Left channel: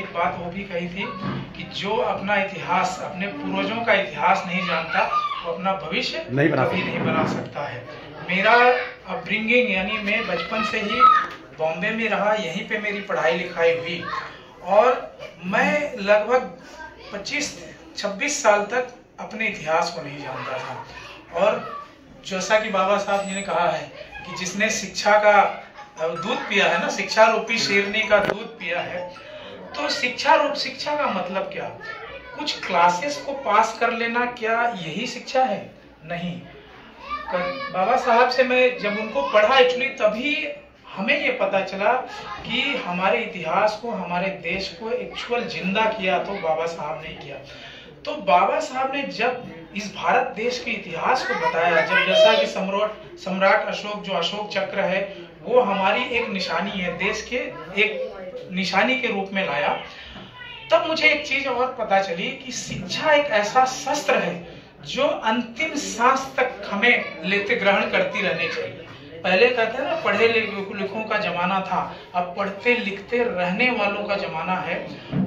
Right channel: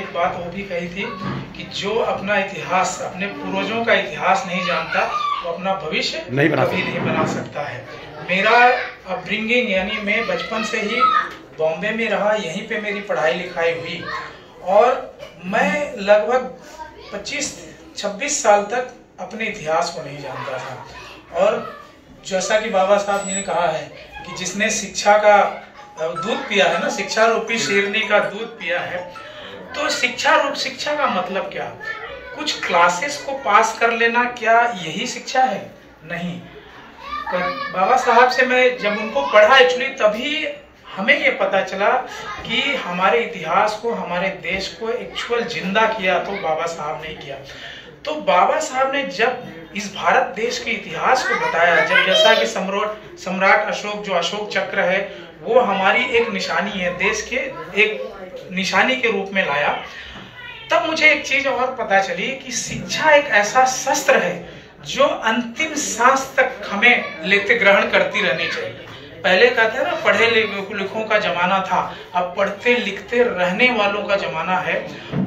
एक बात वो भी कही थी कि जो अपना इतिहास, अपने पूर्वजों का इतिहास नहीं जानता वो अपना भविष्य कभी नहीं बना सकता है। मेरा अपब्रिंगिंग यानी मैं बचपन से ही बॉम्बे में रहा, यहीं पे मेरी पढ़ाई लिखाई हुई और मैं लगभग 25-26 साल तक अपने इतिहास को नहीं जानता था। और जैसा कि बाबा साहब जी ने कहा है कि जिसने शिक्षा का दूध पिया है ना, शिक्षा रूपी शेरनी का दूध पिया है, तो शिक्षा का मतलब क्या? कुछ क्लासेस को पास कर लेना, क्या यही शिक्षा है? नहीं। बाबा साहब से मैं जब उनको पढ़ा एक्चुअली, तभी हमें ये पता चला कि हमारे इतिहास को, हमारे देश को एक्चुअल जिंदा किया तो बाबा साहब ने किया। तो बाबा साहब ने जब इस भारत देश के इतिहास को बताया, जब जैसा कि सम्राट अशोक, जो अशोक चक्र है वो हमारी एक निशानी है, देश के एक निशानी के रूप में लाया, तब मुझे एक चीज और पता चली कि शिक्षा एक ऐसा शस्त्र है जो अंतिम सांस तक हमें लेते ग्रहण करती रहनी चाहिए। पहले कहते हैं ना, पढ़े लिखों का जमाना था, अब पढ़ते लिखते रहने वालों का जमाना है।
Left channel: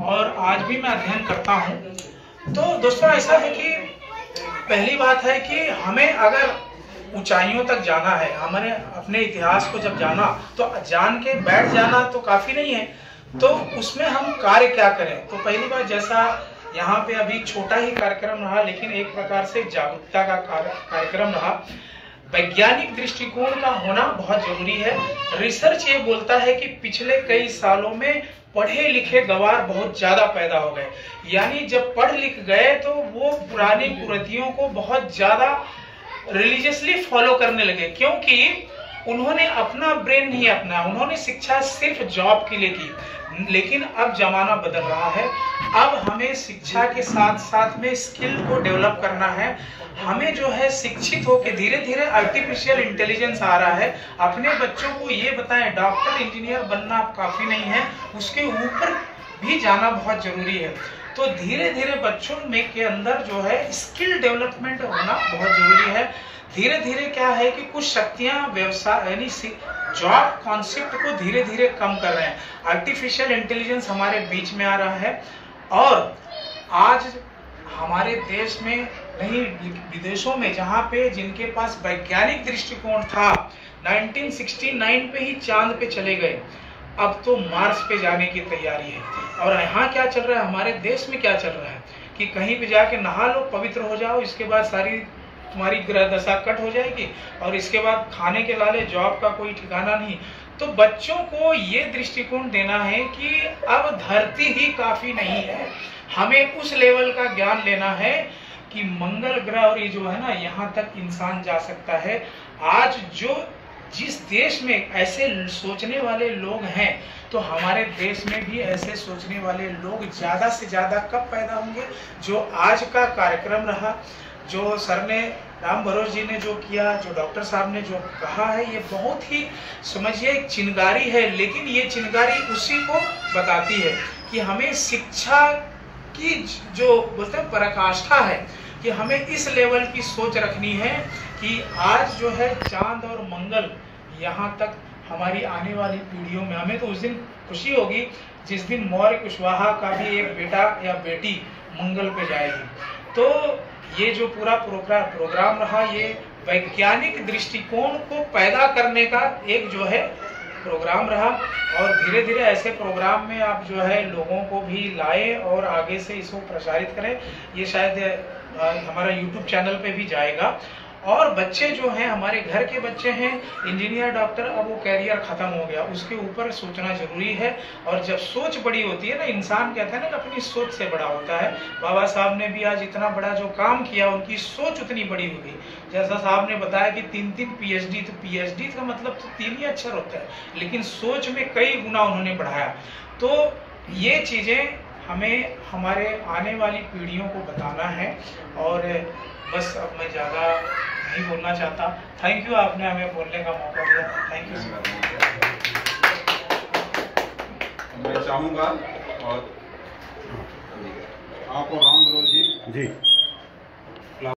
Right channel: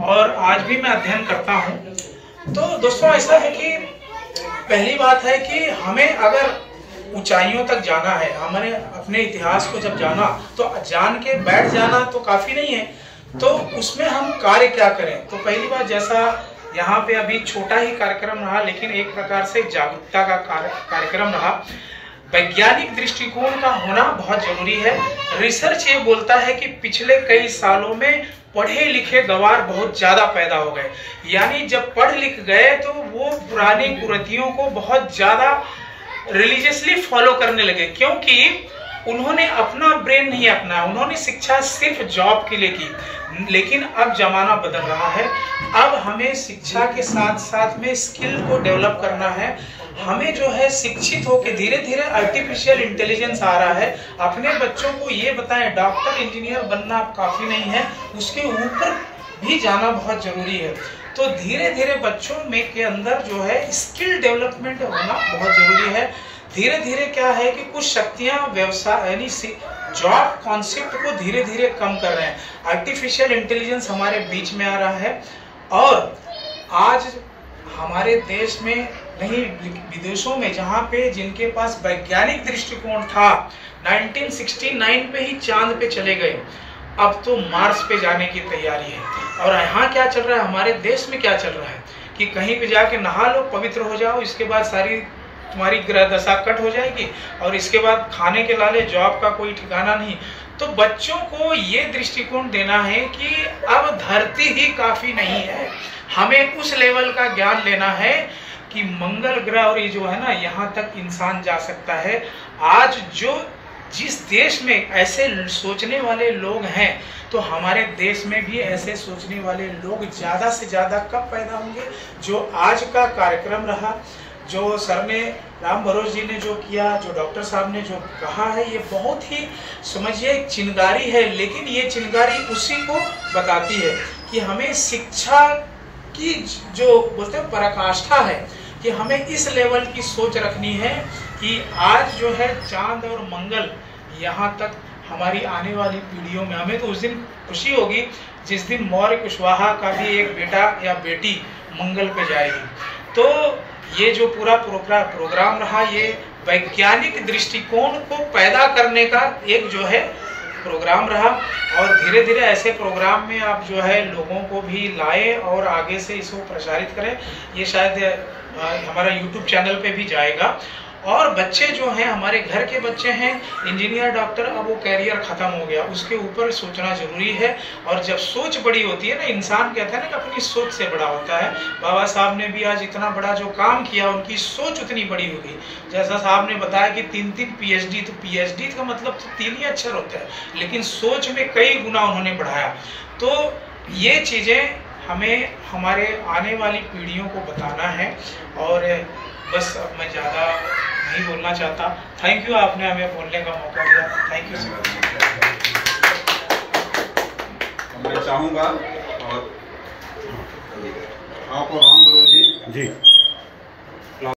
और आज भी मैं अध्ययन करता हूँ। तो दोस्तों ऐसा है कि पहली बात है कि हमें अगर ऊंचाइयों तक जाना है, हमने अपने इतिहास को जब जाना तो जान के बैठ जाना तो काफी नहीं है, तो उसमें हम कार्य क्या करें। तो पहली बात, जैसा यहाँ पे अभी छोटा ही कार्यक्रम रहा लेकिन एक प्रकार से जागरूकता का कार्यक्रम रहा, वैज्ञानिक दृष्टिकोण का होना बहुत जरूरी है। रिसर्च ये बोलता है कि पिछले कई सालों में पढ़े लिखे गंवार बहुत ज्यादा पैदा हो गए, यानी जब पढ़ लिख गए तो वो पुरानी कुरीतियों को बहुत ज्यादा रिलीजियसली फॉलो करने लगे, क्योंकि उन्होंने अपना ब्रेन नहीं अपनाया, उन्होंने शिक्षा सिर्फ जॉब के लिए की। लेकिन अब जमाना बदल रहा है, अब हमें शिक्षा के साथ साथ में स्किल को डेवलप करना है। हमें जो है शिक्षित होकर धीरे धीरे आर्टिफिशियल इंटेलिजेंस आ रहा है, अपने बच्चों को ये बताएं डॉक्टर इंजीनियर बनना काफी नहीं है, उसके ऊपर भी जाना बहुत जरूरी है। तो धीरे धीरे बच्चों में के अंदर जो है स्किल डेवलपमेंट होना बहुत जरूरी है। धीरे धीरे क्या है कि कुछ शक्तियां व्यवसाय यानी जॉब कॉन्सेप्ट को धीरे धीरे कम कर रहे हैं। आर्टिफिशियल इंटेलिजेंस हमारे बीच में आ रहा है और आज हमारे देश में नहीं, विदेशों में जहाँ पे जिनके पास वैज्ञानिक दृष्टिकोण था, 1969 पे ही चांद पे चले गए, अब तो मार्स पे जाने की तैयारी है। और यहाँ क्या चल रहा है, हमारे देश में क्या चल रहा है कि कहीं पे जाके नहा लो, पवित्र हो जाओ, इसके बाद सारी तुम्हारी ग्रह दशा कट हो जाएगी और इसके बाद खाने के लाले जॉब का कोई ठिकाना नहीं। तो बच्चों को ये दृष्टिकोण देना है कि अब धरती ही काफी नहीं है, हमें उस लेवल का ज्ञान लेना है कि मंगल ग्रह और ये जो है ना, यहाँ तक इंसान जा सकता है। आज जो जिस देश में ऐसे सोचने वाले लोग हैं, तो हमारे देश में भी ऐसे सोचने वाले लोग ज्यादा से ज्यादा कब पैदा होंगे। जो आज का कार्यक्रम रहा, जो सर ने राम भरोस जी ने जो किया, जो डॉक्टर साहब ने जो कहा है, ये बहुत ही समझिए एक चिंगारी है, लेकिन ये चिंगारी उसी को बताती है कि हमें शिक्षा की जो बोलते हैं पराकाष्ठा है कि हमें इस लेवल की सोच रखनी है कि आज जो है चांद और मंगल, यहाँ तक हमारी आने वाली पीढ़ियों में, हमें तो उस दिन खुशी होगी जिस दिन मौर्य कुशवाहा का भी एक बेटा या बेटी मंगल पे जाएगी। तो ये जो पूरा प्रोग्राम रहा, ये वैज्ञानिक दृष्टिकोण को पैदा करने का एक जो है प्रोग्राम रहा और धीरे धीरे ऐसे प्रोग्राम में आप जो है लोगों को भी लाएं और आगे से इसको प्रसारित करें। ये शायद हमारा YouTube चैनल पे भी जाएगा। और बच्चे जो हैं, हमारे घर के बच्चे हैं, इंजीनियर डॉक्टर, अब वो कैरियर खत्म हो गया, उसके ऊपर सोचना जरूरी है। और जब सोच बड़ी होती है ना, इंसान कहता है ना कि अपनी सोच से बड़ा होता है। बाबा साहब ने भी आज इतना बड़ा जो काम किया, उनकी सोच उतनी बड़ी हो गई। जैसा साहब ने बताया कि 3 PhD, तो PhD का मतलब तो 3 ही अक्षर होता है, लेकिन सोच में कई गुना उन्होंने बढ़ाया। तो ये चीजें हमें हमारे आने वाली पीढ़ियों को बताना है। और बस अब मैं ज़्यादा नहीं बोलना चाहता। थैंक यू, आपने हमें बोलने का मौका दिया। Thank you sir. मैं चाहूँगा और आपको राम भरोस जी